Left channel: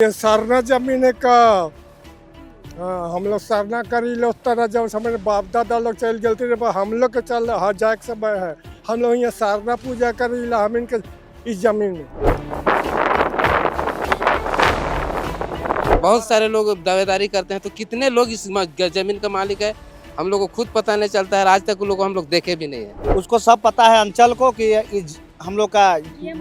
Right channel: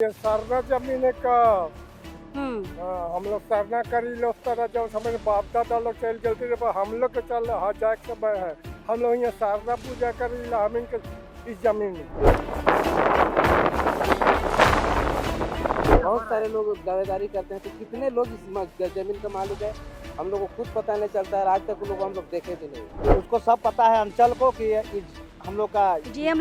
ये सरना जमीन है का हम्म। हम लोग सरना करी लो तरह जब समय बाप दादा लोग चल गलती रे हम लोग के चल हर जाए के समय है हम लोग यहाँ सरना पूजा करी ला हम इनके इस जमीन में। बहुत सारे लोग दावेदारी करते हैं, तो कितने लोग इस जमीन का मालिक है हम लोग को खुद पता नहीं चलता है। आज तक लोग हम लोग देखे भी नहीं है। उसको सब पता है अंचल को कि ये हम लोग का जीएम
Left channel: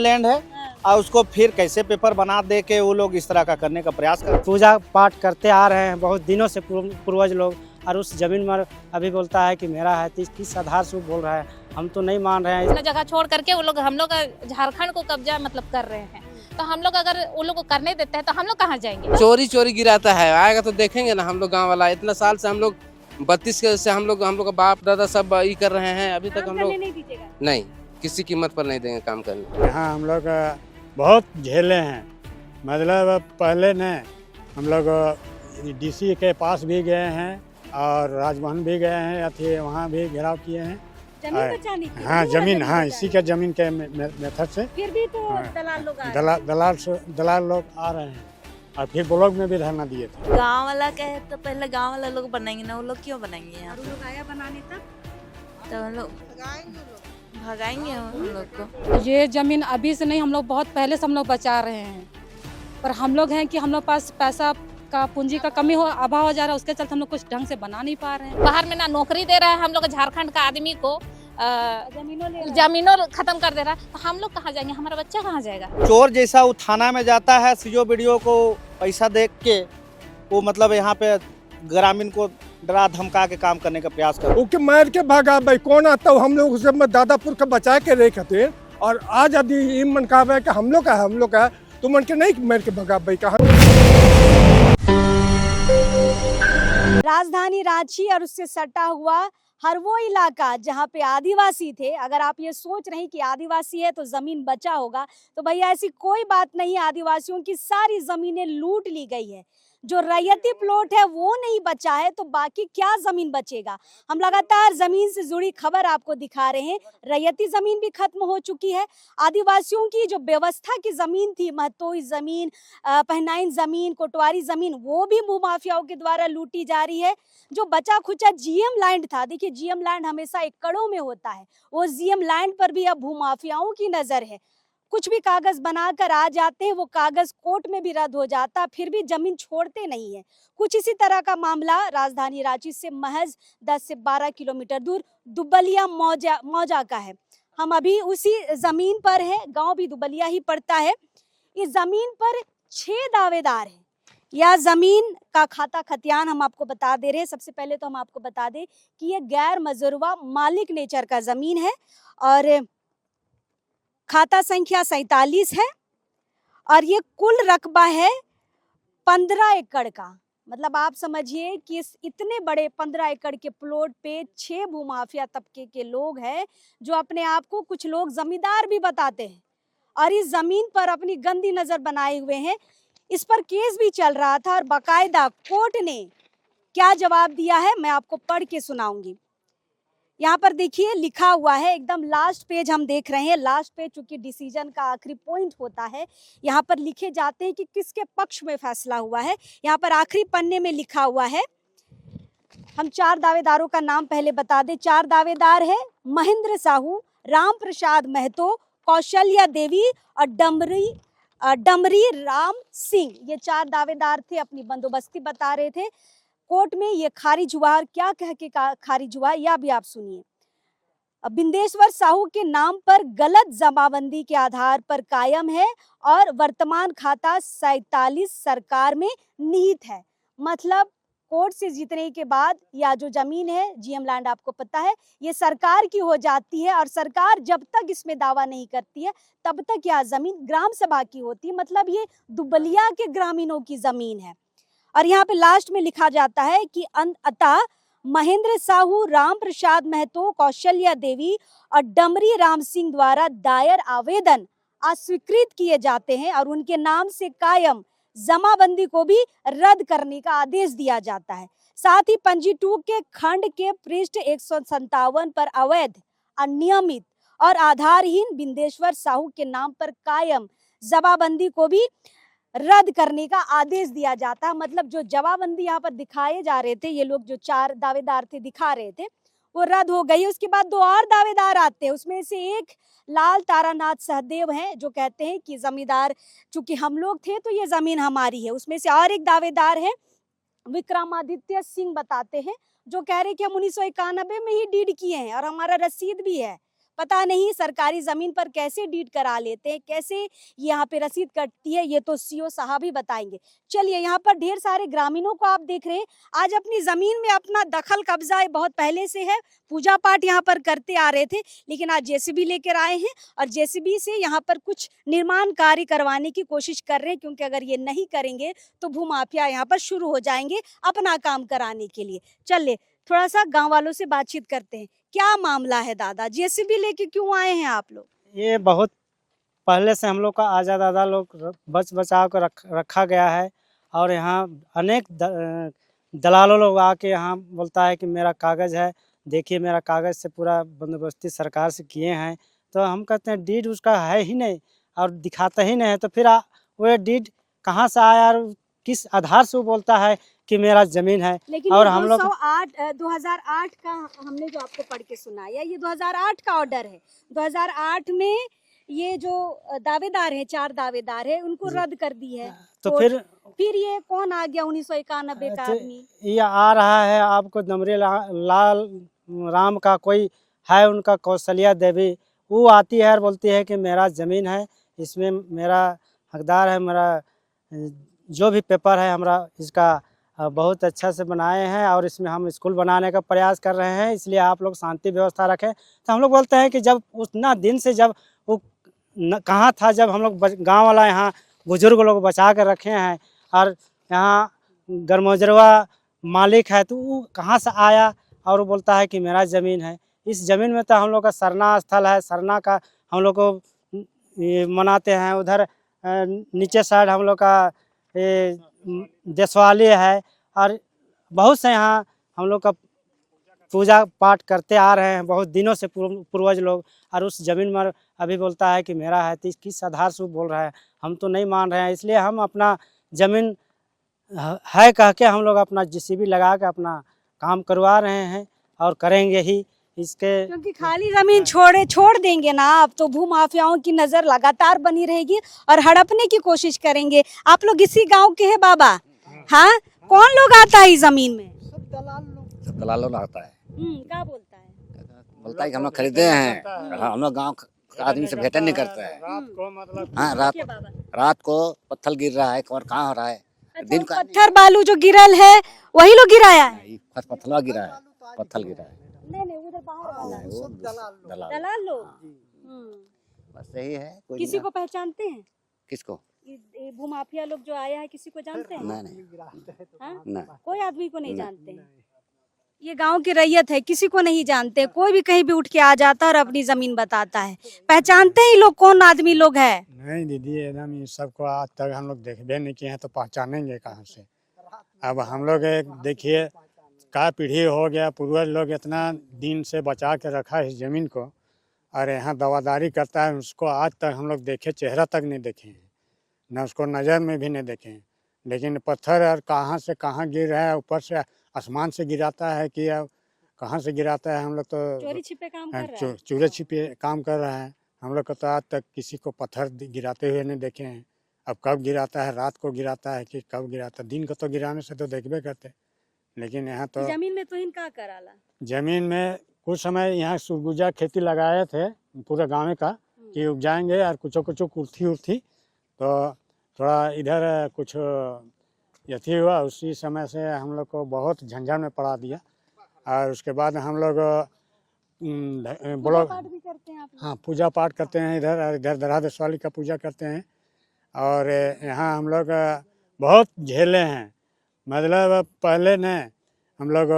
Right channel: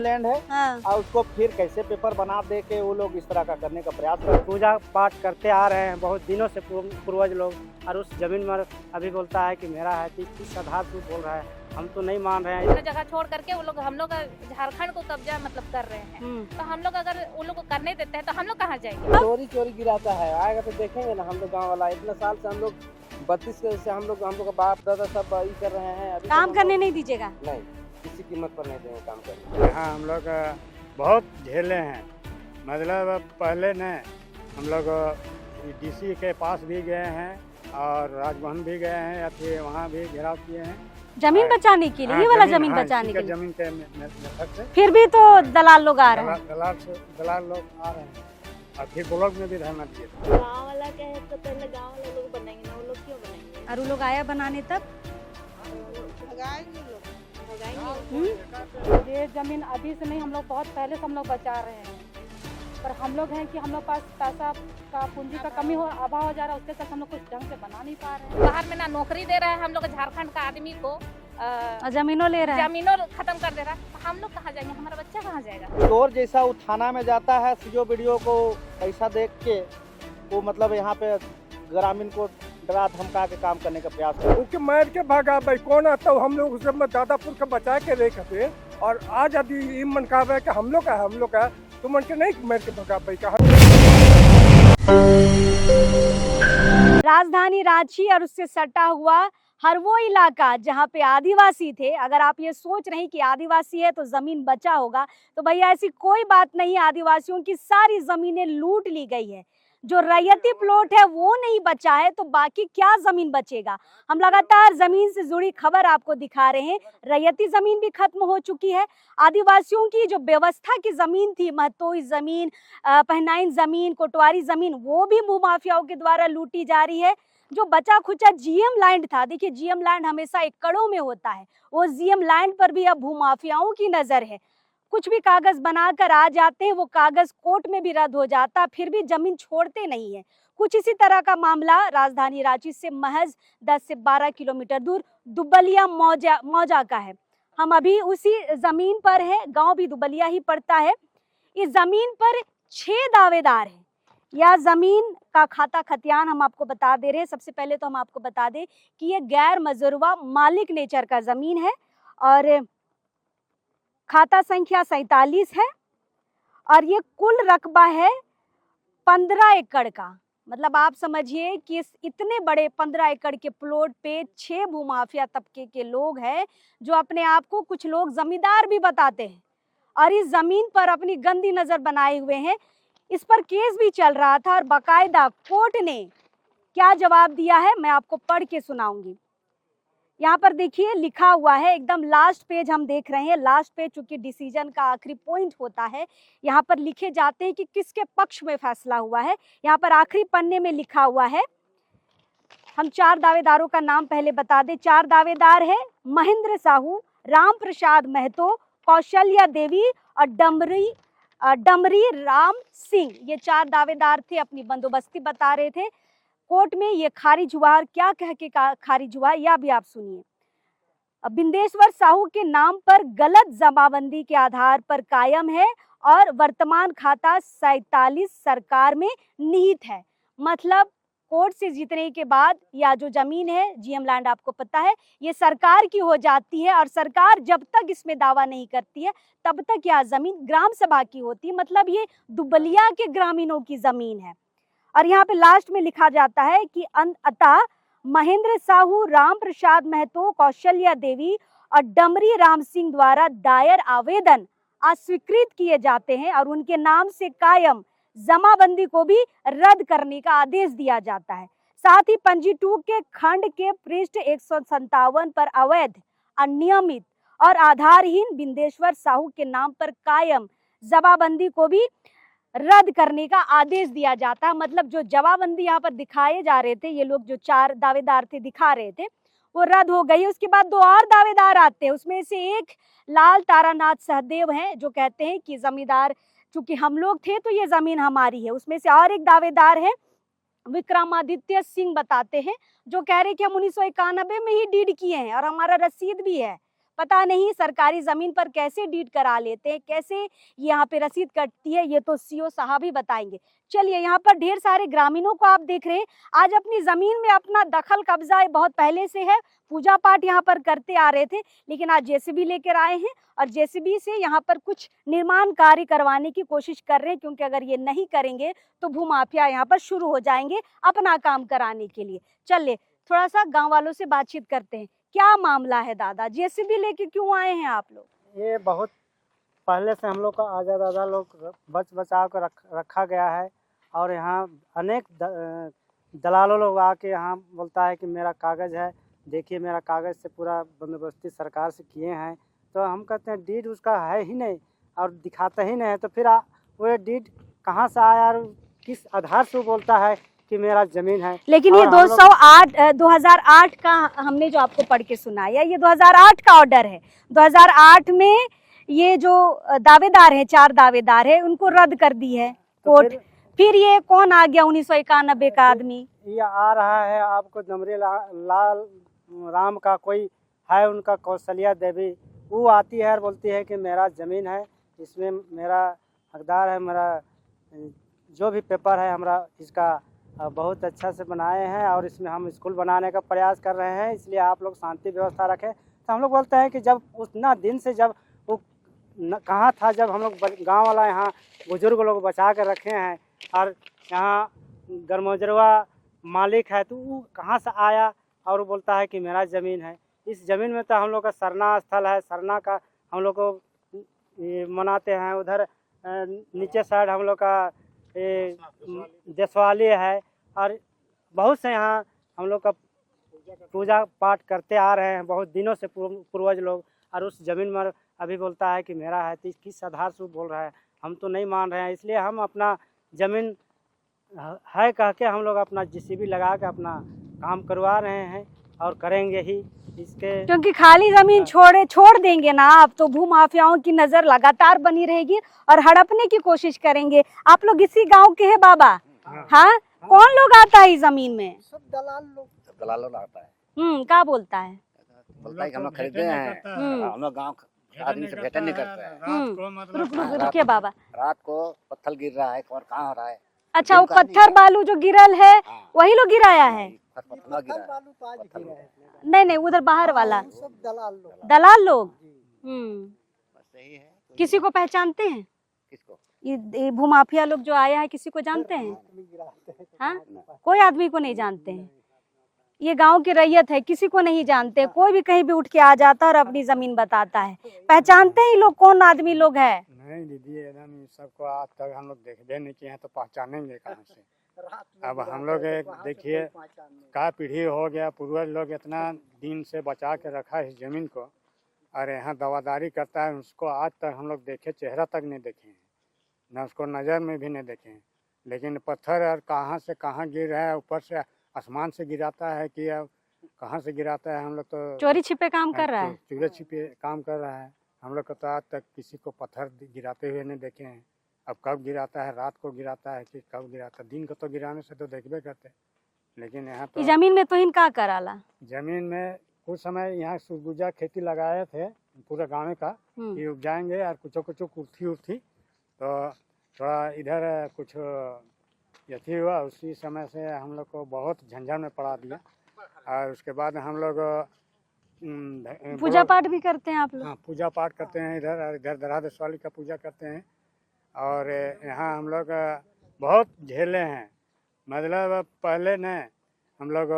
लैंड है हाँ। और उसको फिर कैसे पेपर बना दे के वो लोग इस तरह का करने का प्रयास करते हैं। पूजा पाठ करते आ रहे हैं बहुत दिनों से पूर्वज लोग, और उस जमीन में अभी बोलता है कि मेरा है, किस आधार से वो बोल रहा है, हम तो नहीं मान रहे हैं। इतना जगह छोड़ करके वो लोग हम लोग झारखंड को कब्जा मतलब कर रहे हैं, तो हम लोग अगर उन लोग को करने देते हैं तो हम लोग कहाँ जाएंगे। चोरी चोरी गिराता है, आएगा तो देखेंगे ना। हम लोग गाँव वाला इतना साल से हम लोग 32 से हम लोग का बाप दादा सब ये कर रहे हैं। अभी काम तक करने नहीं दीजिएगा। नहीं, किसी कीमत पर नहीं देंगे काम करने। यहाँ हम लोग बहुत झेले हैं, मतलब पहले न हम लोग डीसी के पास भी गए हैं और राजभवन भी गए हैं, अथी वहाँ भी घेराव किए हैं जमीन बचाने के लिए। हाँ, ये वाला जमीन हाँ, बचाने इसी के के लिए। जमीन के मेथड से फिर भी तो दलाल लोग आ रहे हैं। दलाल लोग आ रहे हैं और फिर ब्लॉक में भी धरना दिए थे। गांव वाला कहे तो पहले गांव वाला लोग बनाएंगे ना, वो लोग क्यों बनाएंगे यार? और वो लोग आया बनाने तब तो हम लोग भगाएंगे उन लोग को। ये जमीन अभी से नहीं, हम लोग बहुत पहले से हम लोग बचा रहे हैं, पर हम लोग हैं कि हम लोग पास पैसा का पूंजी का कमी हो अभाव हो जा रहा है, उसके चलते हम लोग कुछ ढंग से बना नहीं पा रहे हैं। बाहर में ना नौकरी दे रहा है हम लोग झारखंड का आदमी को, जमीनों ले रहे हैं। जमीनों खत्म कर दे रहा है, तो हम लोग कहाँ जाएंगे, हमारा बच्चा कहाँ जाएगा। चोर जैसा वो थाना में जाता है, सीओ वीडियो को पैसा देख के वो मतलब यहाँ पे ग्रामीण को डरा धमका के काम करने का प्रयास करता है। ओके मार के भागा भाई कौन आता हो हम लोग उसे में दादापुर का बचा के रखे और आज यदि ये मन कहा है कि हम लोग का तो मन के नहीं मार के भागा भाई कहा। राजधानी रांची और उससे सटा हुआ हर वो इलाका जहाँ पे आदिवासी थे। अगर आप ये सोच रहे हैं कि आदिवासी है तो जमीन बचा होगा, तो भैया ऐसी कोई बात नहीं। आदिवासियों की सारी जमीनें लूट ली गई है। जो रैयती प्लॉट है वो नहीं बचा है, तो बाकी क्या जमीन बचेगा। हम लगातार जमीन से जुड़ी खबर आपको दिखा रहे हैं। रैयती जमीन भी खत्म हो चुकी है। आदिवासियों की जो व्यवस्था की जमीन थी, महतोई जमीन, पहनाइन जमीन, कोटवारी जमीन, वो भी भूमाफियाओं के द्वारा लूटी जा रही है। जो बचा खुचा जीएम लैंड था, देखिए जीएम लैंड हमेशा एकड़ों में होता है, वो जीएम लैंड पर भी अब भूमाफियाओं की नजर है। कुछ भी कागज बनाकर आ जाते हैं, वो कागज कोर्ट में भी रद्द हो जाता, फिर भी जमीन छोड़ते नहीं है। कुछ इसी तरह का मामला राजधानी रांची से महज 10 से 12 किलोमीटर दूर दुबलिया मौजा का है। हम अभी उसी जमीन पर हैं, गांव भी दुबलिया ही पड़ता है। इस जमीन पर 6 दावेदार हैं। यह जमीन का खाता खतियान हम आपको बता दे रहे हैं। सबसे पहले तो हम आपको बता दें कि ये गैर मजरूवा मालिक नेचर का जमीन है और खाता संख्या 47 है और ये कुल रकबा है 15 एकड़ का। मतलब आप समझिए कि इस इतने बड़े 15 एकड़ के प्लॉट पे 6 भूमाफिया तबके के लोग हैं, जो अपने आप को कुछ लोग जमींदार भी बताते हैं और इस जमीन पर अपनी गंदी नजर बनाए हुए हैं। इस पर केस भी चल रहा था और बाकायदा कोर्ट ने क्या जवाब दिया है मैं आपको पढ़ के सुनाऊंगी। यहाँ पर देखिए लिखा हुआ है, एकदम लास्ट पेज हम देख रहे हैं। लास्ट पेज चूंकि डिसीजन का आखिरी पॉइंट होता है, यहाँ पर लिखे जाते हैं कि किसके पक्ष में फैसला हुआ है। यहाँ पर आखिरी पन्ने में लिखा हुआ है। हम 4 दावेदारों का नाम पहले बता दें। 4 दावेदार है महेंद्र साहू, राम प्रसाद महतो, कौशल्या देवी और डमरी राम सिंह। ये 4 दावेदार थे, अपनी बंदोबस्ती बता रहे थे। कोर्ट में ये खारिज हुआ और क्या कह के खारिज हुआ यह भी आप सुनिए। बिंदेश्वर साहू के नाम पर गलत जमाबंदी के आधार पर कायम है और वर्तमान खाता 47 सरकार में निहित है। मतलब कोर्ट से जीतने के बाद या जो जमीन है जीएम लैंड आपको पता है ये सरकार की हो जाती है और सरकार जब तक इसमें दावा नहीं करती है तब तक यह जमीन ग्राम सभा की होती है। मतलब ये दुबलिया के ग्रामीणों की जमीन है। और यहाँ पे लास्ट में लिखा जाता है कि अतः महेंद्र साहू, राम प्रसाद महतो, कौशल्या देवी और डमरी राम सिंह द्वारा दायर आवेदन अस्वीकृत किए जाते हैं और उनके नाम से कायम जमाबंदी को भी रद्द करने का आदेश दिया जाता है। साथ ही पंजी 2 के खंड के पृष्ठ 157 पर अवैध, अनियमित और आधारहीन बिंदेश्वर साहू के नाम पर कायम जमाबंदी को भी रद्द करने का आदेश दिया जाता है। मतलब जो जवाबबंदी यहाँ पर दिखाए जा रहे थे, ये लोग जो 4 दावेदार थे दिखा रहे थे, वो रद्द हो गई। उसके बाद 2 और दावेदार आते हैं, उसमें से एक लाल तारानाथ सहदेव हैं जो कहते हैं कि जमींदार चूंकि हम लोग थे तो ये जमीन हमारी है। उसमें से और एक दावेदार है विक्रमादित्य सिंह, बताते हैं, जो कह रहे कि हम 1991 में ही डीड किए हैं और हमारा रसीद भी है। पता नहीं सरकारी जमीन पर कैसे डीड करा लेते हैं, कैसे यहाँ पे रसीद कटती है, ये तो सीओ साहब ही बताएंगे। चलिए, यहाँ पर ढेर सारे ग्रामीणों को आप देख रहे हैं, आज अपनी जमीन में अपना दखल कब्जा बहुत पहले से है, पूजा पाठ यहाँ पर करते आ रहे थे, लेकिन आज जेसीबी लेकर आए हैं और जेसीबी से यहाँ पर कुछ निर्माण कार्य करवाने की कोशिश कर रहे हैं, क्योंकि अगर ये नहीं करेंगे तो भूमाफिया यहाँ पर शुरू हो जाएंगे अपना काम कराने के लिए। चलिए थोड़ा सा गांव वालों से बातचीत करते हैं। क्या मामला है दादा, जेसीबी लेके क्यों आए हैं आप लोग? ये बहुत पहले से हम लोग का आज़ाद दादा लोग बचाव कर रखा गया है और यहाँ अनेक दलालों लोग आके यहाँ बोलता है कि मेरा कागज़ है, देखिए मेरा कागज़ से पूरा बंदोबस्ती सरकार से किए हैं। तो हम कहते हैं डीड उसका है ही नहीं और दिखाता ही नहीं है, तो फिर वो डीड कहाँ से आया और किस आधार से वो बोलता है कि मेरा जमीन है? लेकिन ये 2008 का हमने जो आपको पढ़ के सुनाया, ये 2008 का ऑर्डर है। 2008 में ये जो दावेदार हैं, 4 दावेदार हैं, उनको रद्द कर दी है। तो फिर ये कौन आ गया 1991 का आदमी? ये आ रहा है आपको दमरी लाल राम का कोई है, उनका कौशल्या देवी, वो आती है और बोलती है कि मेरा ज़मीन है, इसमें मेरा हकदार है, मेरा जो भी पेपर है हमारा इसका बहुत अच्छा से बनाए हैं और इसमें हम स्कूल बनाने का प्रयास कर रहे हैं, इसलिए आप लोग शांति व्यवस्था रखें। तो हम लोग बोलते हैं कि जब उतना दिन से जब वो कहाँ था, जब हम लोग गाँव वाला यहाँ बुजुर्ग लोग बचा कर रखे हैं और यहाँ गरमोजरवा मालिक है, तो वो कहाँ से आया और वो बोलता है कि मेरा ज़मीन है। इस ज़मीन में तो हम लोग का सरना स्थल है, सरना का हम लोग को मनाते हैं। उधर नीचे साइड हम लोग का देशवाली है और बहुत से यहाँ हम लोग का पूजा पाठ करते आ रहे हैं बहुत दिनों से पूर्वज लोग, और उस ज़मीन में अभी बोलता है कि मेरा है। तो किस आधार से वो बोल रहा है? हम तो नहीं मान रहे हैं, इसलिए हम अपना ज़मीन है कह के हम लोग अपना जेसीबी लगा के अपना काम करवा रहे हैं और करेंगे ही इसके। क्योंकि खाली जमीन छोड़ देंगे ना आप, तो भूमाफियाओं की नजर लगातार बनी रहेगी और हड़पने की कोशिश करेंगे। आप लोग इसी गांव के हैं बाबा? हाँ, कौन लोग आता है इस जमीन में? दलाल लोग आता है। क्या बोलता है? बोलता है कि हम लोग खरीदे हैं, हम लोग गाँव आदमी से भेंट नहीं करते हैं। हाँ, रात को पत्थर गिर रहा है और कहाँ हो रहा है? अच्छा, वो पत्थर बालू जो गिरल है वही लोग गिराया है? पत्थर गिरा है, पत्थर गिरा है। नहीं, उधर बाहर वाला दलाल लोग। बस यही है। किसी को पहचानते हैं? किसको? ये भूमाफिया लोग जो आया है, किसी को जानते हैं? नहीं। कोई आदमी को नहीं जानते हैं। ये गांव की रैयत है, किसी को नहीं जानते। कोई भी कहीं भी उठ के आ जाता है और अपनी जमीन बताता है। पहचानते हैं लोग कौन आदमी लोग है? नहीं दीदी, एकदम ये सबको आज तक हम लोग देखबे नहीं किए हैं, तो पहचानेंगे कहाँ से? अब हम लोग एक देखिए का पीढ़ी हो गया, पूर्वज लोग इतना दिन से बचा के रखा इस जमीन को, और यहाँ दवादारी करता है, उसको आज तक हम लोग देखे चेहरा तक नहीं देखे हैं, न उसको नज़र में भी नहीं देखे हैं। लेकिन पत्थर और कहाँ से कहाँ गिर रहा है, ऊपर से आसमान से गिराता है कि अब कहाँ से गिराता है, हम लोग तो चोरी छिपे काम कर रहा है। चोरी छिपे काम कर रहा है। हम लोग को तो आज तक किसी को पत्थर गिराते हुए नहीं देखे हैं। अब कब गिराता है, रात को गिराता है कि कब गिराता है? दिन को तो गिराने से तो देखबे करते, लेकिन यहाँ तो जमीन में तो इनका कराला। जमीन में कुछ समय यहाँ सुरगुजा खेती लगाए थे पूरे गाँव का कि उपजाएंगे और कुछ कुर्थी तो थोड़ा इधर कुछ यथी हुआ, उसी समय से हम लोग को बहुत झंझट में पड़ा दिया। और उसके बाद हम लोग पूजा पाठ भी करते हैं आप लोग? हाँ, पूजा पाठ करते हैं इधर, और इधर दरादेशवाली का पूजा करते हैं। और यहाँ हम लोग बहुत झेले हैं, मतलब पहले ने हम लोग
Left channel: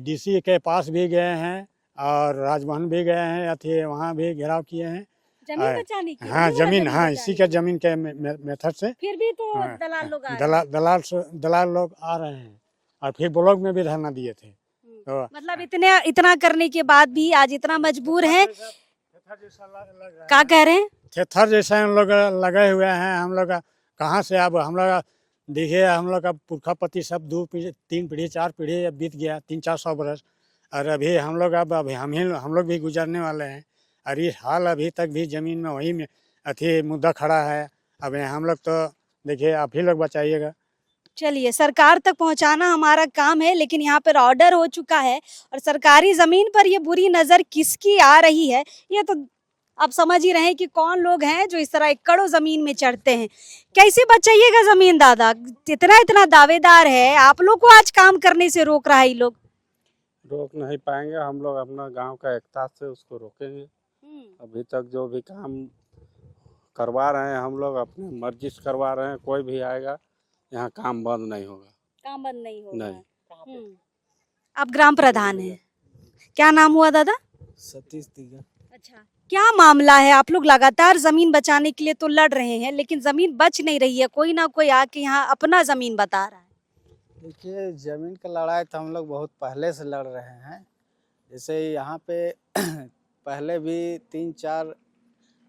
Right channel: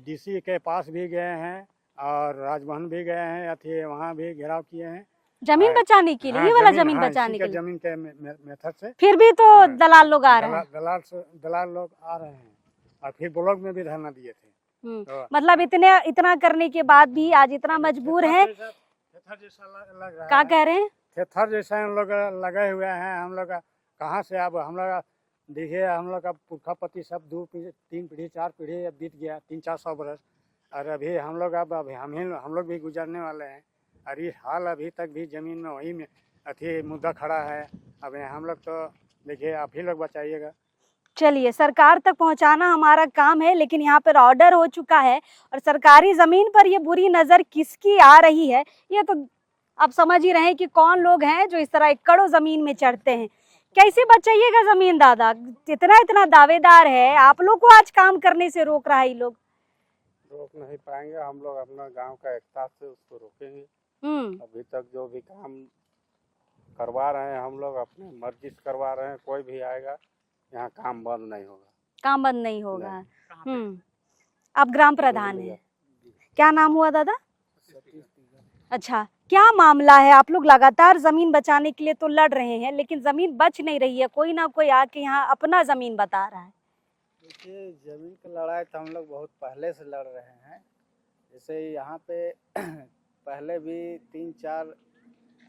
डीसी के पास भी गए हैं और राजभवन भी गए हैं, अथी वहाँ भी घेराव किए हैं जमीन बचाने के लिए। हाँ, जमीन, हाँ, इसी के जमीन के मेथड से। फिर भी तो दलाल लोग आ रहे हैं। दलाल लोग आ रहे हैं और फिर ब्लॉक में भी धरना दिए थे। तो मतलब इतना करने के बाद भी आज इतना मजबूर है। क्या कह रहे हैं? थेथर जैसा हम लोग लगे हुए हैं। हम लोग कहाँ से अब हम लोग देखिए, हम लोग का पुरखा पति सब 3 पीढ़ी 4 पीढ़ी अब बीत गया, 300-400 बरस। और अभी हम लोग अब हम लोग भी गुजरने वाले हैं। और ये हाल अभी तक भी ज़मीन में वही में अथी मुद्दा खड़ा है। अब हम लोग तो देखिए, आप ही लोग बचाइएगा। चलिए, सरकार तक पहुंचाना हमारा काम है, लेकिन यहाँ पर ऑर्डर हो चुका है और सरकारी जमीन पर ये बुरी नजर किसकी आ रही है, ये तो आप समझ ही रहे हैं कि कौन लोग हैं जो इस तरह एकड़ों जमीन में चढ़ते हैं। कैसे बचाइएगा जमीन दादा? इतना दावेदार है, आप लोग को आज काम करने से रोक रहा है ये लोग। रोक नहीं पाएंगे, हम लोग अपना गांव का एकता से उसको रोकेंगे। अभी तक जो भी काम करवा रहे हैं हम लोग अपनी मर्जी से करवा रहे हैं। कोई भी आएगा यहाँ काम बंद नहीं होगा। काम बंद नहीं होगा। आप ग्राम प्रधान हैं, क्या नाम हुआ दादा? सतीश दिगा। अच्छा, क्या मामला है? आप लोग लगातार जमीन बचाने के लिए तो लड़ रहे हैं, लेकिन जमीन बच नहीं रही है। कोई ना कोई आके यहाँ अपना जमीन बता रहा है। देखिए, जमीन का लड़ाई तो हम लोग बहुत पहले से लड़ रहे हैं। जैसे यहाँ पे पहले भी 3-4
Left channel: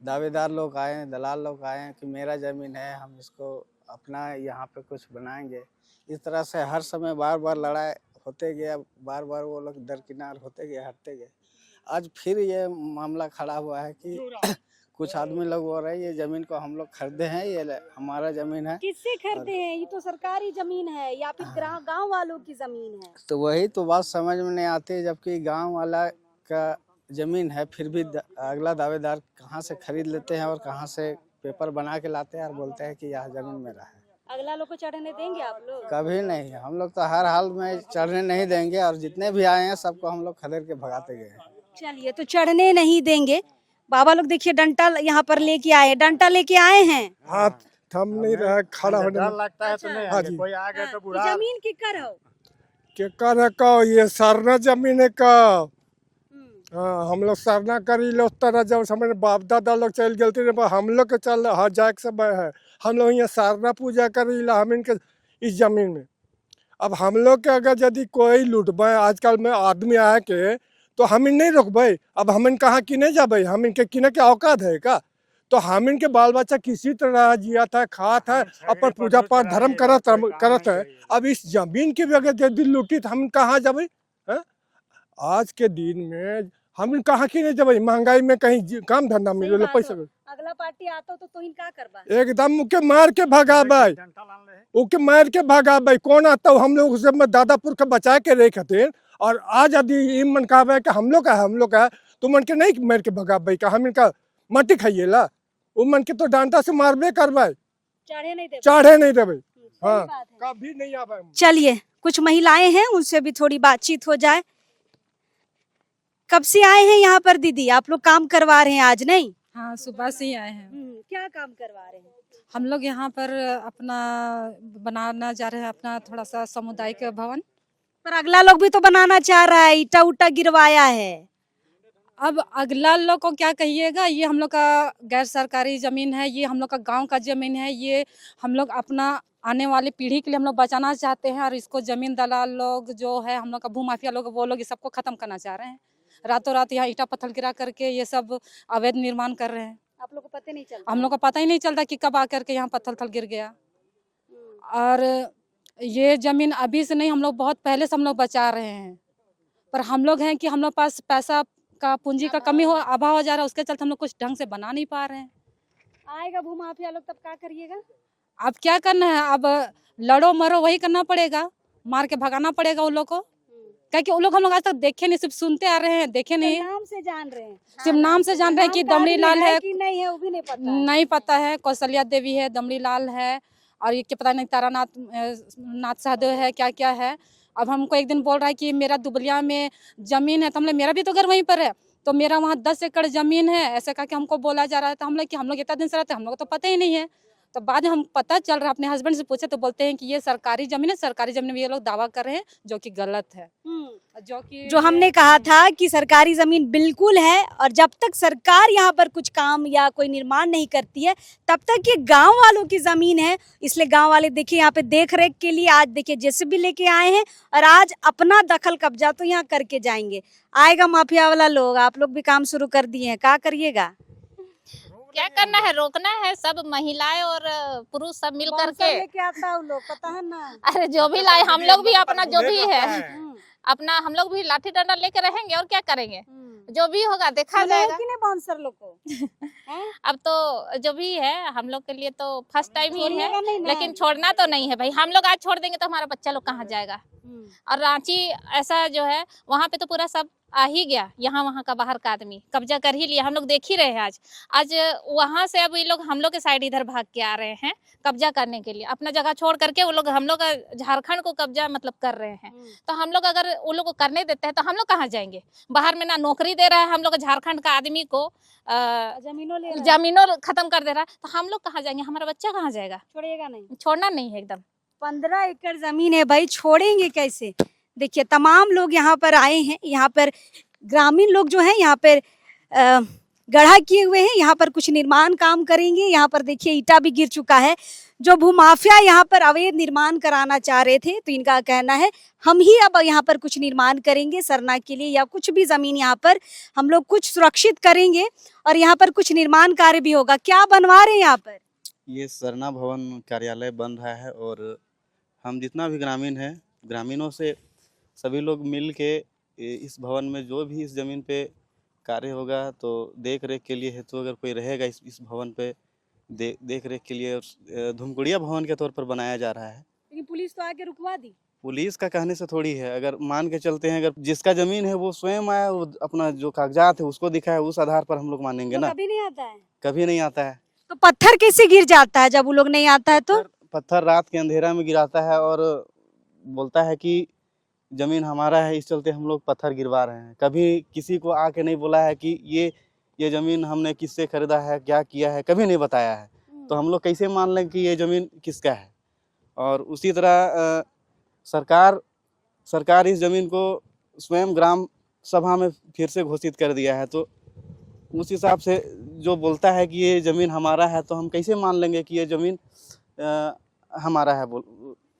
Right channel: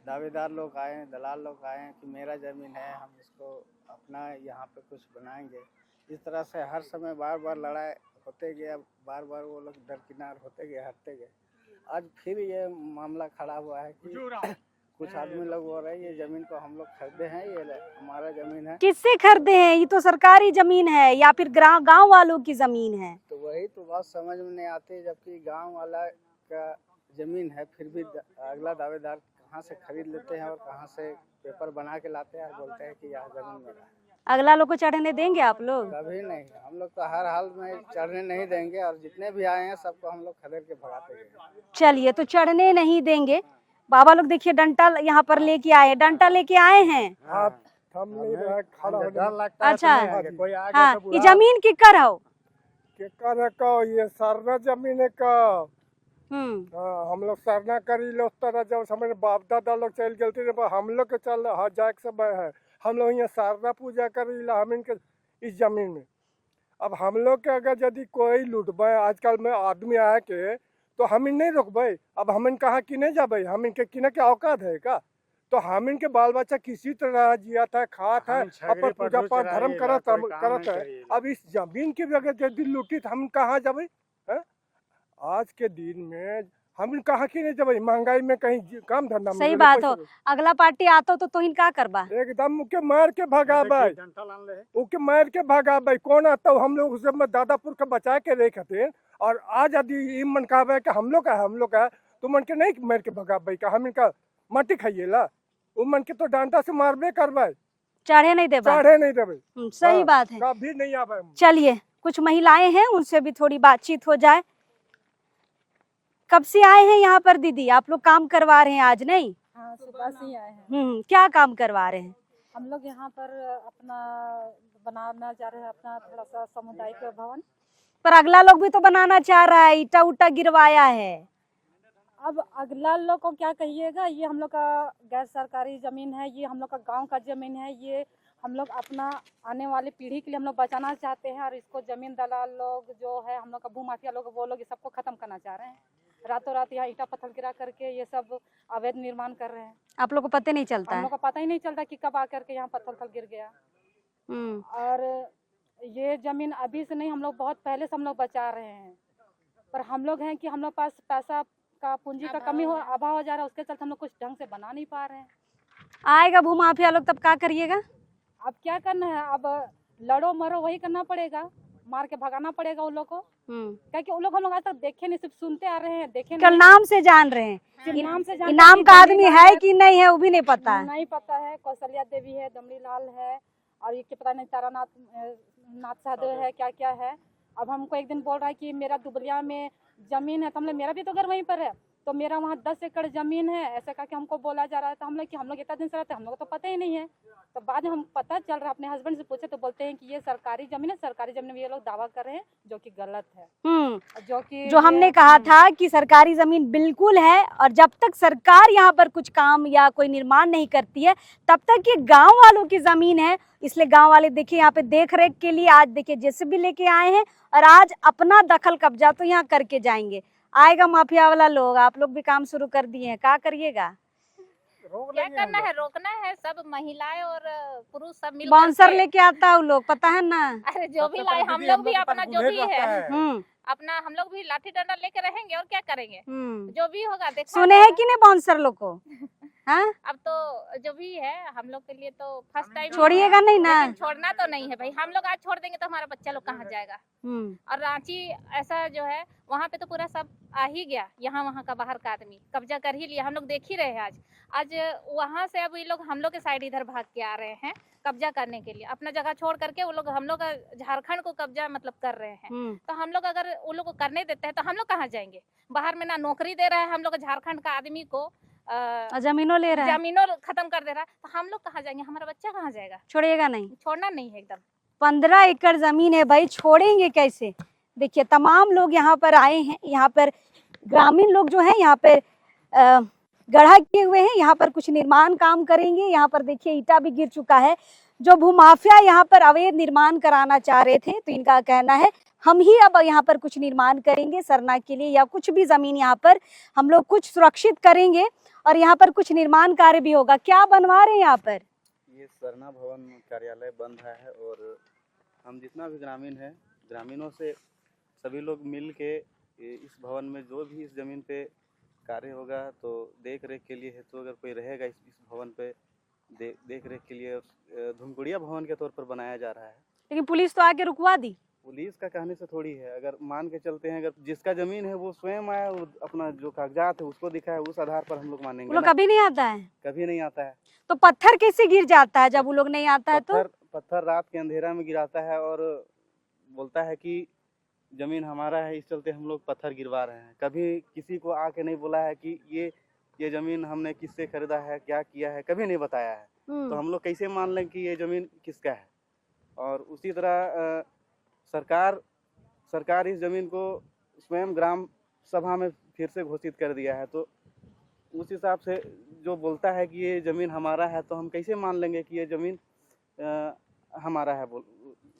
दावेदार लोग आए हैं, दलाल लोग आए हैं कि मेरा ज़मीन है, हम इसको अपना यहाँ पे कुछ बनाएंगे। इस तरह से हर समय बार बार लड़ाई होते गया, बार बार वो लोग दरकिनार होते गए, हटते गए। आज फिर ये मामला खड़ा हुआ है कि कुछ आदमी लोग बोल रहे हैं ये ज़मीन को हम लोग खरीदे हैं, ये हमारा ज़मीन है। किससे खरीदे हैं? ये तो सरकारी जमीन है या फिर गांव वालों की जमीन है? तो वही तो बात समझ में नहीं आती, जबकि गांव वाला का ज़मीन है, फिर भी अगला दावेदार कहाँ से खरीद लेते हैं और कहाँ से पेपर बना के लाते हैं और बोलते हैं कि यह ज़मीन मेरा है। अगला लोग को चढ़ने देंगे आप लोग? कभी नहीं, हम लोग तो हर हाल में चढ़ने नहीं देंगे और जितने भी आए हैं सबको हम लोग खदेड़ के भगाते गए। चलिए, तो चढ़ने नहीं देंगे। बाबा लोग देखिए डंडा यहाँ पर लेके आए, डंडा लेके आए हैं। हाथ थम नहीं रहा, खड़ा होने में। अच्छा, कोई आ हाँ, ये जमीन किकर हो? केकर है का? ये सरना जमीन है का? हाँ, हम लोग सरना करी लो तरह जब समय बाप दादा लोग चल गए थे, हम लोग के चल जाए के समय है। हम लोग यहाँ सरना पूजा करी ला हम इनके इस जमीन में। अब हम लोग के अगर यदि कोई लूटबे आजकल में आदमी आए के, तो हम इन नहीं रोकबे। अब हम इन कहाँ किने जाबे? हम इनके किने के औकात है का? तो हम इनके बाल बच्चा किसी तरह जिया था, खात है, अपन पूजा पाठ धर्म करत है। अब इस जमीन की भी अगर यदि लूटी तो हम कहाँ जाबे? आज के दिन में हम कहाँ की नहीं जब महंगाई में कहीं काम धंधा सही बात हो। अगला पार्टी आता तो इनका करबा एकदम उके मार के भगाबे, उके मार के भगाबे। कौन आता हम लोग उसे दादापुर के बचा के रखे। और आज यदि मन कहबे कि हम लोग का तो मन के नहीं मार के भगाबे का हम इनका मट्टी खाइए ला, वो मन के तो डांटा से मारबे करबे, चढ़े नहीं देबे। सही बात है, कभी नहीं आवे। चलिए, कुछ महिलाएं हैं, उनसे भी थोड़ी बातचीत हो जाए। कब से आए हैं यहाँ पर दीदी? आप लोग काम करवा रहे हैं आज? नहीं, हाँ, सुबह से ही आए हैं। क्या काम करवा रहे हैं? हम लोग यहाँ पर अपना बनाना चाह रहे हैं, अपना थोड़ा सा सामुदायिक भवन। पर अगला लोग भी तो बनाना चाह रहा है, ईटा उटा गिरवाया है। अब अगला लोग को क्या कहिएगा, ये हम लोग का गैर सरकारी जमीन है, ये हम लोग का गांव का जमीन है, ये हम लोग अपना आने वाली पीढ़ी के लिए हम लोग बचाना चाहते हैं। और इसको जमीन दलाल लोग जो है, हम लोग का भूमाफिया लोग, वो लोग ये सबको खत्म करना चाह रहे हैं। रातों रात यहाँ ईटा पत्थर गिरा करके ये सब अवैध निर्माण कर रहे हैं। आप लोग को पता नहीं चलता? हम लोग को पता ही नहीं चलता कि कब आकर के यहाँ पत्थर गिर गया। और ये जमीन अभी से नहीं, हम लोग बहुत पहले से हम लोग बचा रहे हैं। पर हम लोग हैं कि हम लोग पास पैसा का, पूंजी का कमी हो, अभाव हो जा रहा है, उसके चलते हम लोग कुछ ढंग से बना नहीं पा रहे हैं। आएगा भूमाफिया लोग तब क्या करिएगा? अब क्या करना है, अब लड़ो मरो वही करना पड़ेगा, मार के भगाना पड़ेगा उन लोग को। क्या कि उन लोग हम लोग आज तक देखे नहीं, सिर्फ सुनते आ रहे हैं, देखे नहीं। नाम से जान रहे हैं, सिर्फ नाम से जान रहे हैं। नाम है कि नहीं है वो भी नहीं पता है। नहीं पता है। कौशल्या देवी है, दमड़ी लाल है, और ये क्या पता नहीं तारानाथ सहदेव है, क्या क्या है। अब हमको एक दिन बोल रहा है कि मेरा दुबलिया में जमीन है, तो हम लोग मेरा भी तो घर वहीं पर है, तो मेरा वहाँ 10 एकड़ जमीन है, ऐसा करके हमको बोला जा रहा है। तो हम लोग कि हम लोग इतना दिन से रहते हैं, हम लोग को तो पता ही नहीं है। तो बाद में हम पता चल रहा है, अपने हस्बैंड से पूछे तो बोलते हैं कि ये सरकारी जमीन है, सरकारी जमीन में ये लोग दावा कर रहे हैं, जो कि गलत है। जो हमने कहा था कि सरकारी जमीन बिल्कुल है, और जब तक सरकार यहाँ पर कुछ काम या कोई निर्माण नहीं करती है, तब तक ये गांव वालों की जमीन है। इसलिए गांव वाले देखिए यहाँ पे देख रेख के लिए आज देखिए जेसीबी लेके आए हैं, और आज अपना दखल कब्जा तो यहाँ करके जाएंगे। आएगा माफिया वाला लोग, आप लोग भी काम शुरू कर दिए हैं, क्या करिएगा? क्या करना है, रोकना है। सब महिलाएं और पुरुष सब मिल बाउंसर करके। लेके आता है वो लोग, पता है ना। अरे जो भी लाए, हम लोग भी अपना जो भी है अपना, हम लोग भी लाठी डंडा लेके रहेंगे और क्या करेंगे। जो भी होगा देखा सुने है जाएगा। कि नहीं बाउंसर लोग को? हाँ? अब तो जो भी है हम लोग के लिए तो फर्स्ट टाइम छोड़िएगा नहीं ना? लेकिन छोड़ना तो नहीं है भाई। हम लोग आज छोड़ देंगे तो हमारा बच्चा लोग कहाँ जाएगा। और रांची ऐसा जो है वहाँ पे तो पूरा सब आ ही गया, यहाँ वहाँ का बाहर का आदमी कब्जा कर ही लिया। हम लोग देख ही रहे हैं आज वहाँ से अब ये लोग हम लोग के साइड इधर भाग के आ रहे हैं कब्जा करने के लिए। अपना जगह छोड़ करके वो लोग हम लोग झारखंड को कब्जा मतलब कर रहे हैं। तो हम लोग अगर वो लोग को करने देते हैं तो हम लोग कहाँ जाएंगे। बाहर में ना नौकरी दे रहा है हम लोग झारखंड का आदमी को, जमीनों ले रहा है, जमीनों खत्म कर दे रहा है। तो हम लोग कहाँ जाएंगे, हमारा बच्चा कहाँ जाएगा। छोड़िएगा नहीं, छोड़ना नहीं है एकदम। 15 एकड़ जमीन है भाई, छोड़ेंगे कैसे। देखिए तमाम लोग यहाँ पर आए हैं, यहाँ पर ग्रामीण लोग जो है यहाँ पर गढ़ा किए हुए हैं, यहाँ पर कुछ निर्माण काम करेंगे। यहाँ पर देखिए ईटा भी गिर चुका है। जो भूमाफिया यहाँ पर अवैध निर्माण कराना चाह रहे थे तो इनका कहना है हम ही अब यहाँ पर कुछ निर्माण करेंगे सरना के लिए, या कुछ भी जमीन यहाँ पर हम लोग कुछ सुरक्षित करेंगे और यहाँ पर कुछ निर्माण कार्य भी होगा। क्या बनवा रहे हैं यहाँ पर? ये सरना भवन कार्यालय बन रहा है और हम जितना भी ग्रामीण है, ग्रामीणों से सभी लोग मिल के इस भवन में जो भी इस ज़मीन पे कार्य होगा तो देख रेख के लिए हेतु अगर कोई रहेगा इस भवन पे देख रेख के लिए धूमकुड़िया भवन के तौर पर बनाया जा रहा है। लेकिन पुलिस तो आके रुकवा दी। पुलिस का कहने से थोड़ी है। अगर मान के चलते हैं, अगर जिसका ज़मीन है वो स्वयं आया, वो अपना जो कागजात है उसको दिखाए, उस आधार पर हम लोग मानेंगे ना। कभी नहीं आता है, कभी नहीं आता है। तो पत्थर कैसे गिर जाता है जब वो लोग नहीं आता है? तो पत्थर रात के अंधेरा में गिराता है और बोलता है कि ज़मीन हमारा है, इस चलते हम लोग पत्थर गिरवा रहे हैं। कभी किसी को आके नहीं बोला है कि ये ज़मीन हमने किससे खरीदा है, क्या किया है, कभी नहीं बताया है। तो हम लोग कैसे मान लें कि ये ज़मीन किसका है। और उसी तरह सरकार इस ज़मीन को स्वयं ग्राम सभा में फिर से घोषित कर दिया है। तो उस हिसाब से जो बोलता है कि ये ज़मीन हमारा है तो हम कैसे मान लेंगे कि ये ज़मीन हमारा है,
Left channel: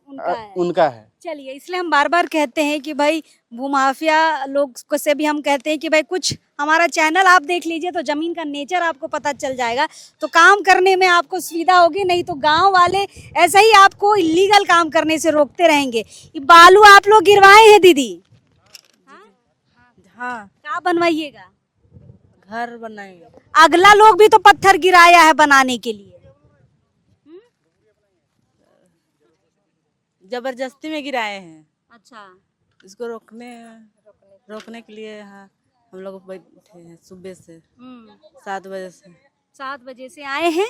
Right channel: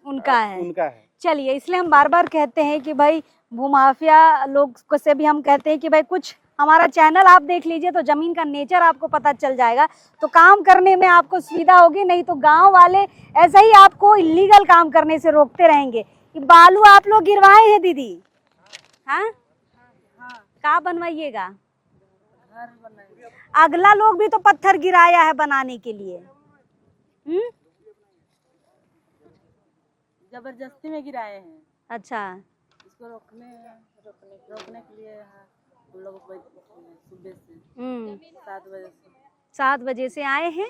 उनका है। चलिए, इसलिए हम बार बार कहते हैं कि भाई भूमाफिया लोग को से भी हम कहते हैं कि भाई कुछ हमारा चैनल आप देख लीजिए तो जमीन का नेचर आपको पता चल जाएगा, तो काम करने में आपको सुविधा होगी। नहीं तो गांव वाले ऐसा ही आपको इलीगल काम करने से रोकते रहेंगे। ये बालू आप लोग गिरवाए हैं दीदी? हाँ हाँ, क्या बनवाइएगा? घर बनाएंगे। अगला लोग भी तो पत्थर गिराया है बनाने के लिए। जबरदस्ती में गिराए हैं। अच्छा, इसको रोकने के लिए यहाँ हम लोग बैठे हैं सुबह से 7 बजे से। 7 बजे से आए हैं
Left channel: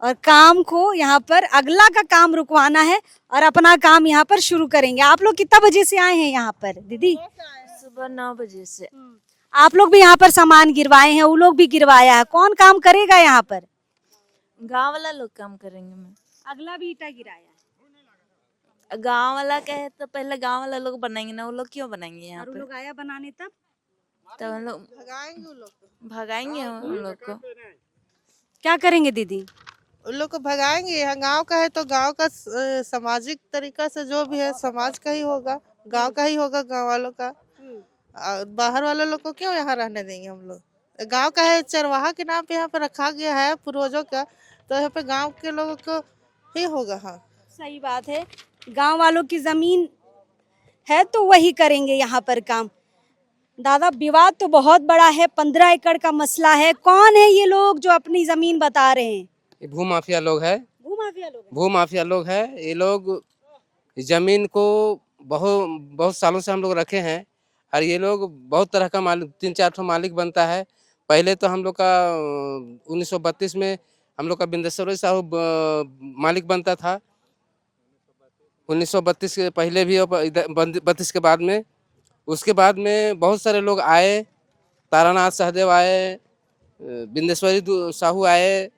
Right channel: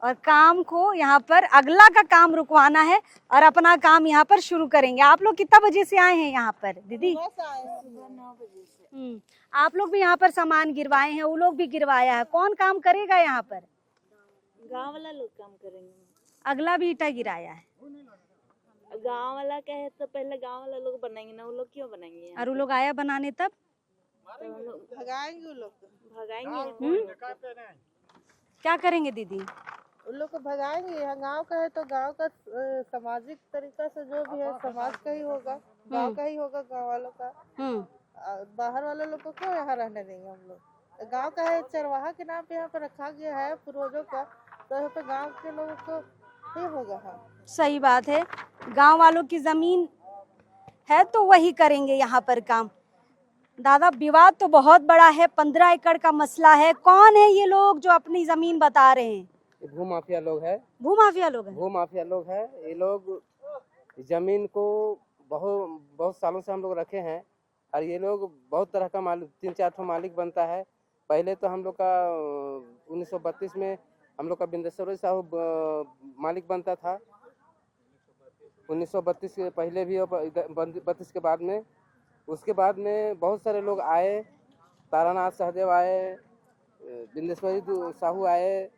और काम को यहाँ पर अगला का काम रुकवाना है और अपना काम यहाँ पर शुरू करेंगे। आप लोग कितना बजे से आए हैं यहाँ पर दीदी? सुबह 9 बजे से। आप लोग भी यहाँ पर सामान गिरवाए हैं, वो लोग भी गिरवाया है। कौन काम करेगा यहाँ पर? गांव वाला लोग काम करेंगे। अगला भी ईटा गिराया है। गांव वाला कहे तो पहले गांव वाला लोग बनाएंगे ना, वो लोग क्यों बनाएंगे यहाँ? और वो लोग आया बनाने तब हम लोग भगाएंगे उन लोग को। क्या करेंगे दीदी? उन लोग को भगाएंगे। यहाँ गांव का है तो गांव का सामाजिक तरीका से जो भी है समाज का ही होगा, गांव का ही होगा, गांव वालों का। बाहर वाले लोग को क्यों यहाँ रहने देंगे हम लोग? गांव का है, चरवाहा के नाम पे यहाँ पे रखा गया है पूर्वजों का, तो यहाँ पे गांव के लोगों को ही होगा। हाँ, सही बात है, गांव वालों की जमीन है तो वही करेंगे यहाँ पर काम। दादा, विवाद तो बहुत बड़ा है, 15 एकड़ का मसला है। कौन है ये लोग जो अपनी जमीन बता रहे हैं? भूमाफिया लोग है। भूमाफिया लोग हैं? भूमाफिया लोग है। ये लोग जमीन को बहुत सालों से हम लोग रखे हैं और ये लोग बहुत तरह का मालिक, 3-4 ठो मालिक बनता है। पहले तो हम लोग का 1932 में हम लोग का बिंदेश्वर साहू मालिक बनता था। 1932 के पहले भी, 32 के बाद में, उसके बाद में बहुत सारे लोग आए। तारानाथ सहदेव आए, बिंदेश्वरी साहू आए,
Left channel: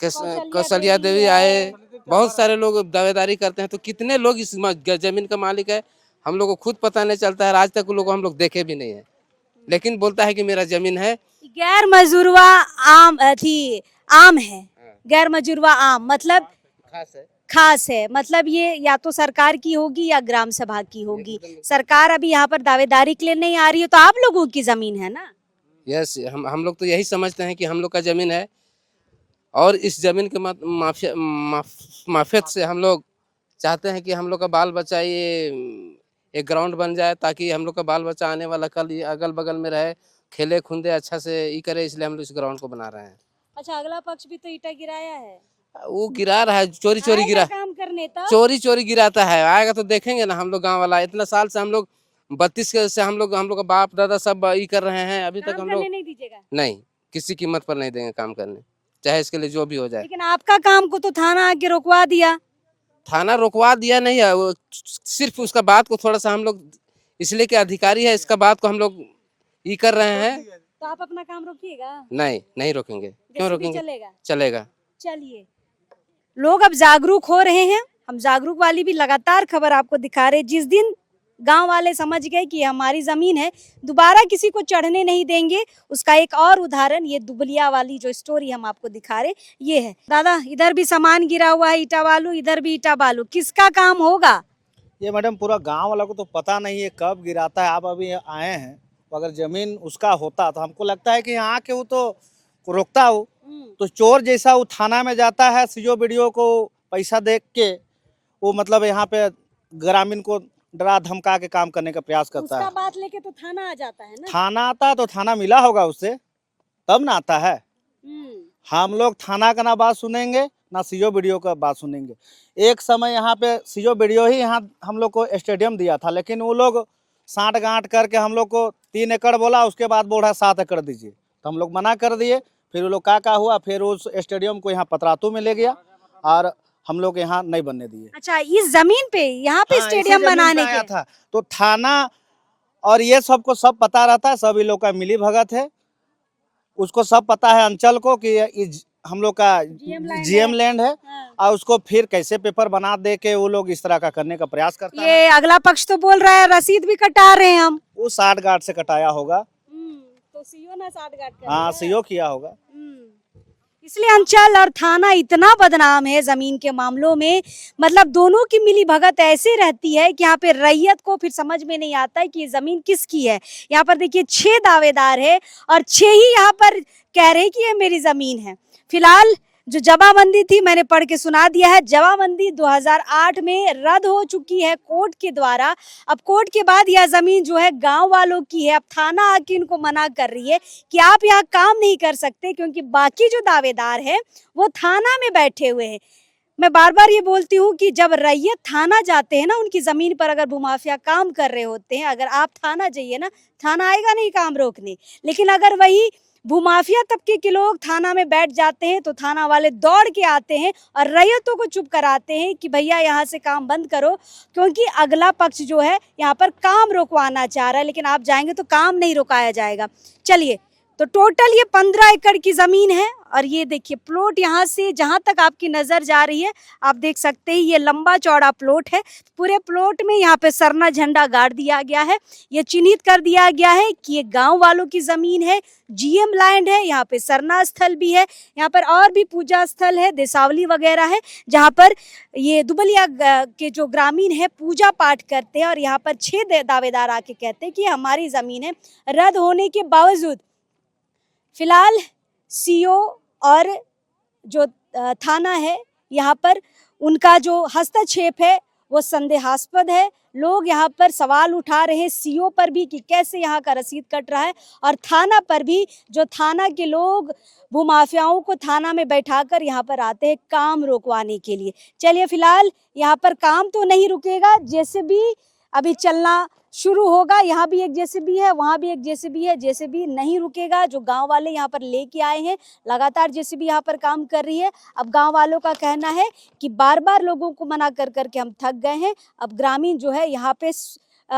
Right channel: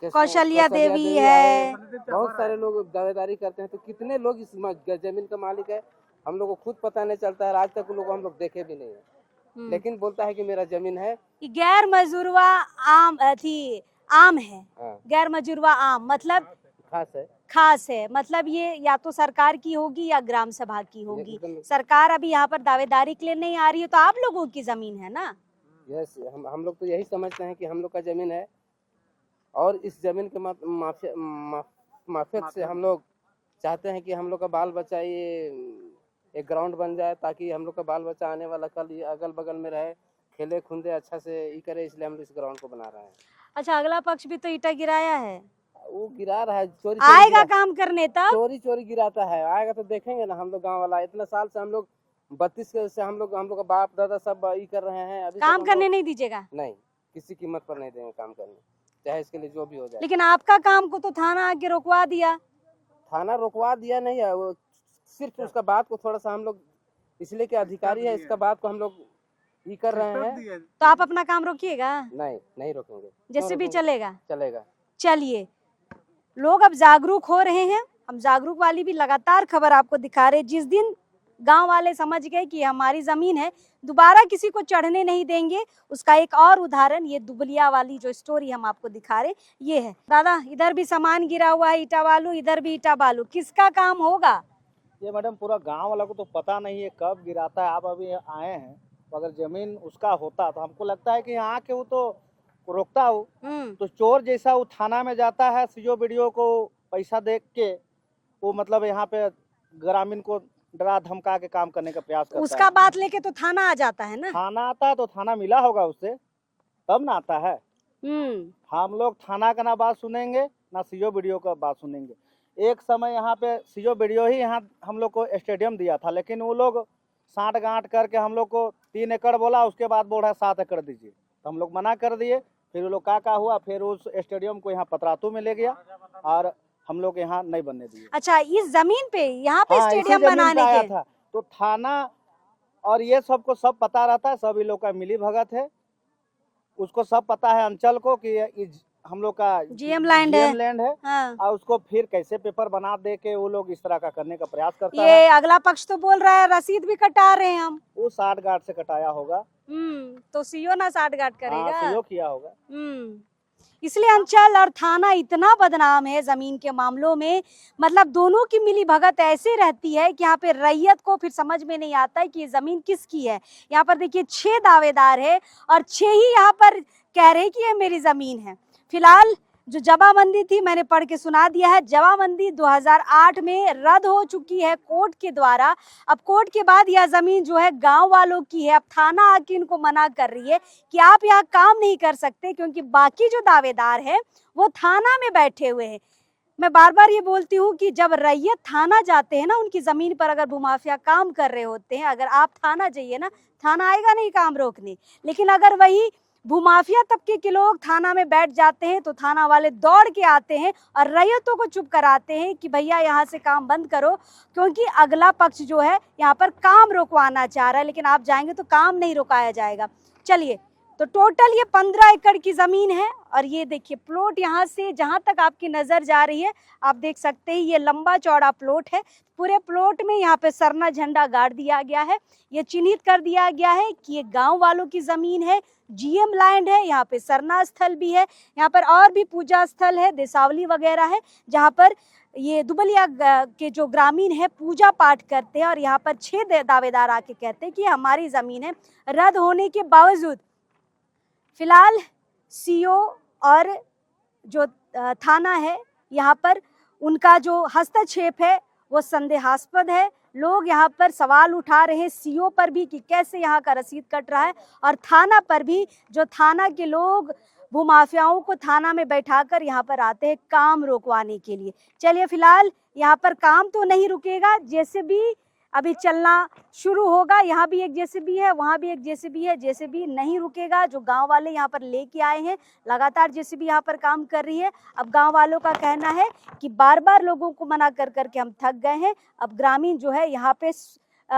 कौशल्या देवी आए। बहुत सारे लोग दावेदारी करते हैं। तो कितने लोग इस जमीन का मालिक है हम लोग को खुद पता नहीं चलता है। आज तक लोग हम लोग देखे भी नहीं है, लेकिन बोलता है कि मेरा जमीन है। गैर मजूरवा आम आम है। गैर मजूरवा आम मतलब खास है, मतलब ये या तो सरकार की होगी या ग्राम सभा की होगी। सरकार अभी यहाँ पर दावेदारी के लिए नहीं आ रही है, तो आप लोगों की जमीन है ना। यस, हम लोग तो यही समझते हैं कि हम लोग का ज़मीन है और इस ज़मीन के माफियत से हम लोग चाहते हैं कि हम लोग का बाल बच्चा ये एक ग्राउंड बन जाए, ताकि हम लोग का बाल बच्चा आने वाला कल ये अगल बगल में रहे, खेले खूंदे अच्छा से ये करे, इसलिए हम लोग इस ग्राउंड को बना रहे हैं। अच्छा, अगला पक्ष भी तो ईटा गिराया है, वो गिरा रहा है, चोरी आएगा गिरा, काम करने तब। चोरी गिराता है, आएगा तो देखेंगे ना। हम लोग गांव वाला इतना साल से हम लोग 32 से हम लोग का बाप दादा सब ये कर रहे हैं, अभी तक काम हम करने लोग नहीं दीजिएगा? नहीं, किसी कीमत पर नहीं देंगे काम करने, चाहे इसके लिए जो भी हो जाए। लेकिन आपका काम को तो थाना आके रोकवा दिया। थाना रोकवा दिया नहीं है, वो सिर्फ उसका बात को थोड़ा सा हम लोग इसलिए कि अधिकारी है, इसका बात को हम लोग ये कर रहे हैं। तो आप अपना काम रोकिएगा? नहीं रोकेंगे। क्यों जैसे भी रोकेंगे? चलेगा। चलेगा। चलिए, लोग अब जागरूक हो रहे हैं, हम जागरूक वाली भी लगातार खबर आपको दिखा रहे हैं। जिस दिन गांव वाले समझ गए कि हमारी जमीन है, दोबारा किसी को चढ़ने नहीं देंगे, उसका एक और उदाहरण ये दुबलिया वाली जो स्टोरी हम आपको दिखा रहे ये है। दादा, इधर भी सामान गिरा हुआ है, ईटा बालू, इधर भी ईटा बालू, किसका काम होगा? ये मैडम पूरा गांव वाला को तो पता नहीं है कब गिराता है। आप अभी आए हैं, तो अगर जमीन उसका होता तो हमको लगता है कि यहाँ के वो तो रोकता हो। तो चोर जैसा वो थाना में जाता है, सीओ बीडीओ को पैसा दे के वो मतलब यहाँ पे ग्रामीण को डरा धमका के काम करने का प्रयास करता उसका है। बात लेके तो थाना आ जाता है ना। थाना आता तो थाना मिला होगा उससे, तब ना आता है। हम लोग थाना का ना बात सुनेंगे ना सीओ बीडीओ का बात सुनेंगे। एक समय यहाँ पे सीओ बीडीओ ही यहाँ हम लोग को स्टेडियम दिया था, लेकिन वो लोग साठ गांठ करके हम लोग को 3 एकड़ बोला, उसके बाद बोला 7 एकड़ दीजिए, तो हम लोग मना कर दिए। फिर वो लोग का हुआ, फिर उस स्टेडियम को यहाँ पतरातू में ले गया और हम लोग यहाँ नहीं बनने दिए। अच्छा, इस जमीन पे यहाँ पे स्टेडियम बनाने आया के था, तो थाना और ये सबको सब पता रहता है, सभी लोग का मिली भगत है, उसको सब पता है अंचल को कि हम लोग का जीएम लैंड है। हाँ। और उसको फिर कैसे पेपर बना दे के वो लोग इस तरह का करने का प्रयास करते हैं। ये अगला पक्ष तो बोल रहा है रसीद भी कटा रहे हैं हम। वो 60 गांठ से कटाया होगा। तो सीओ ना 60 गांठ करेगा। हाँ, सीओ किया होगा। इसलिए अंचल और थाना इतना बदनाम है जमीन के मामलों में, मतलब दोनों की मिली भगत ऐसे रहती है कि यहाँ पे रैयत को फिर समझ में नहीं आता है कि ये जमीन किसकी है। यहाँ पर देखिए 6 दावेदार है और 6 ही यहाँ पर कह रहे हैं कि ये मेरी जमीन है। फिलहाल जो जमाबंदी थी मैंने पढ़ के सुना दिया है। जमाबंदी 2008 में रद्द हो चुकी है कोर्ट के द्वारा। अब कोर्ट के बाद यह जमीन जो है गांव वालों की है। अब थाना आके इनको मना कर रही है कि आप यहाँ काम नहीं कर सकते, क्योंकि बाकी जो दावेदार है वो थाना में बैठे हुए हैं। मैं बार बार ये बोलती हूँ कि जब रैयत थाना जाते हैं ना, उनकी जमीन पर अगर भूमाफिया काम कर रहे होते हैं, अगर आप थाना जाइए ना, थाना आएगा नहीं काम रोकने। लेकिन अगर वही भूमाफिया तबके के लोग थाना में बैठ जाते हैं तो थाना वाले दौड़ के आते हैं और रैयतों को चुप कराते हैं कि भैया यहाँ से काम बंद करो, क्योंकि अगला पक्ष जो है यहाँ पर काम रोकवाना चाह रहा है, लेकिन आप जाएंगे तो काम नहीं रोकाया जाएगा। चलिए, तो टोटल ये 15 एकड़ की ज़मीन है और ये देखिए प्लॉट, यहाँ से जहाँ तक आपकी नज़र जा रही है आप देख सकते हैं ये लंबा चौड़ा प्लॉट है। पूरे प्लॉट में यहाँ पे सरना झंडा गाड़ दिया गया है। ये चिन्हित कर दिया गया है कि ये गांव वालों की ज़मीन है, जीएम लैंड है। यहाँ पे सरना स्थल भी है, यहाँ पर और भी पूजा स्थल है, देसावली वगैरह है, जहाँ पर ये दुबलिया के जो ग्रामीण है पूजा पाठ करते हैं। और यहाँ पर 6 दावेदार आके कहते हैं कि हमारी ज़मीन है। रद्द होने के बावजूद फिलहाल सीओ और जो थाना है यहाँ पर उनका जो हस्तक्षेप है वो संदेहास्पद है। लोग यहाँ पर सवाल उठा रहे हैं सीओ पर भी कि कैसे यहाँ का रसीद कट रहा है, और थाना पर भी, जो थाना के लोग भूमाफियाओं को थाना में बैठाकर यहाँ पर आते हैं काम रोकवाने के लिए। चलिए, फिलहाल यहाँ पर काम तो नहीं रुकेगा, जेसीबी अभी चलना शुरू होगा। यहाँ भी एक जेसीबी है, वहाँ भी एक जेसीबी है। जेसीबी नहीं रुकेगा, जो गांव वाले यहाँ पर लेके आए हैं, लगातार जेसीबी यहाँ पर काम कर रही है। अब गांव वालों का कहना है कि बार बार लोगों को मना कर करके हम थक गए हैं। अब ग्रामीण जो है यहाँ पे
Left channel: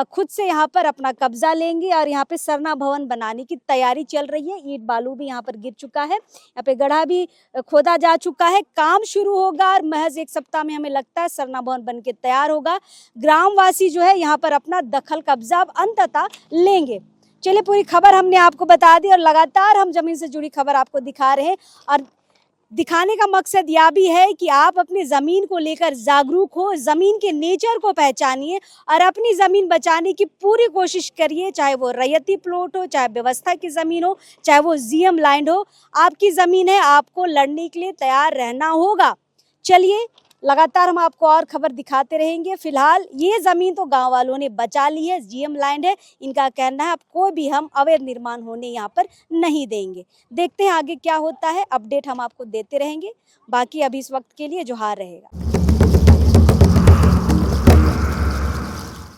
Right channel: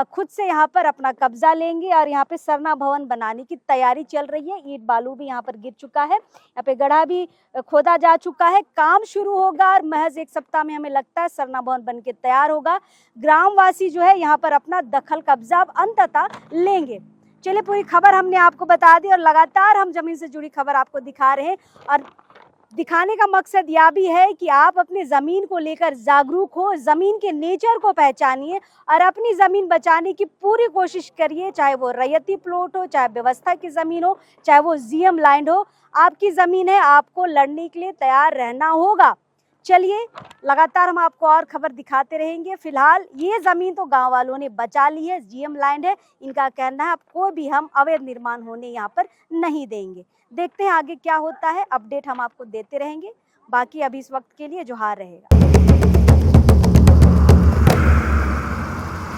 खुद से यहाँ पर अपना कब्जा लेंगे और यहाँ पे सरना भवन बनाने की तैयारी चल रही है। ईंट बालू भी यहाँ पर गिर चुका है, यहाँ पे गड्ढा भी खोदा जा चुका है। काम शुरू होगा और महज 1 सप्ताह में हमें लगता है सरना भवन बन के तैयार होगा। ग्रामवासी जो है यहाँ पर अपना दखल कब्जा अंततः लेंगे। चलिए, पूरी खबर हमने आपको बता दी और लगातार हम जमीन से जुड़ी खबर आपको दिखा रहे हैं। और दिखाने का मकसद यह भी है कि आप अपनी ज़मीन को लेकर जागरूक हो, ज़मीन के नेचर को पहचानिए और अपनी ज़मीन बचाने की पूरी कोशिश करिए, चाहे वो रैयती प्लॉट हो, चाहे व्यवस्था की ज़मीन हो, चाहे वो जीएम लैंड हो। आपकी ज़मीन है, आपको लड़ने के लिए तैयार रहना होगा। चलिए, लगातार हम आपको और खबर दिखाते रहेंगे। फिलहाल ये ज़मीन तो गांव वालों ने बचा ली है, जीएम लैंड है। इनका कहना है अब कोई भी हम अवैध निर्माण होने यहाँ पर नहीं देंगे। देखते हैं आगे क्या होता है, अपडेट हम आपको देते रहेंगे। बाकी अभी इस वक्त के लिए जोहार रहेगा।